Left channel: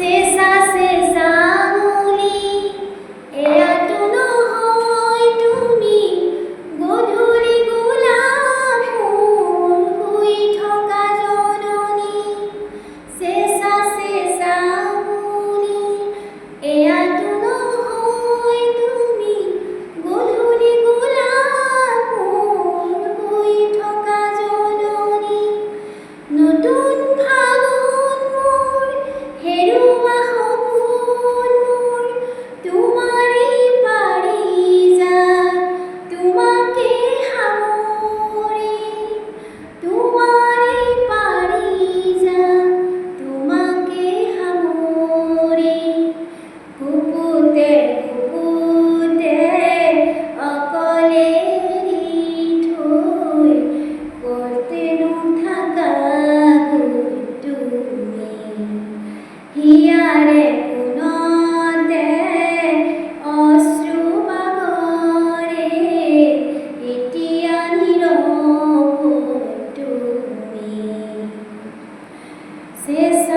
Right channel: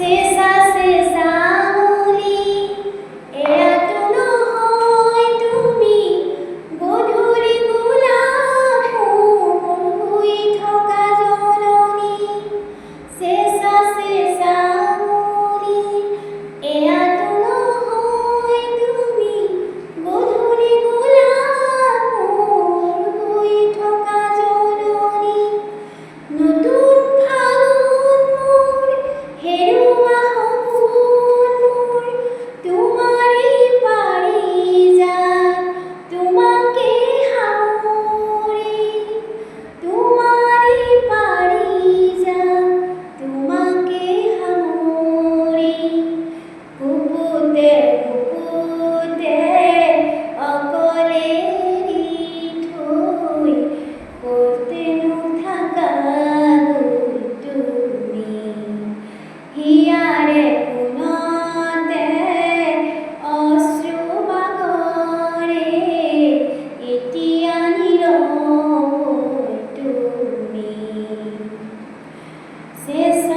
চেঁচা চেঁচা আঙুলি এয়াতো নহয় তুমি গধূলি গোলাপ ফুল শুই থকা জননী চেঁচা চেঁচা আঙুলি এয়াতো নহয় তুমি গধূলি গোলাপ ফুল শুই থকা জননী নতুন ফাগুন মোৰ হেৰুৱা সপোন মোৰ তোমাৰেই পাৰিজাত তোমাকে সামৰি তোমাৰেই পাৰিজাত তোমাকে সামৰি বুকুতে বুকুতে অকলে এৰি থৈ ক'তনো থাকা তুমি হিয়াৰে কোণতে অশ্ৰু বাগৰে এতিয়া নীৰৱ তুমি চেঁচা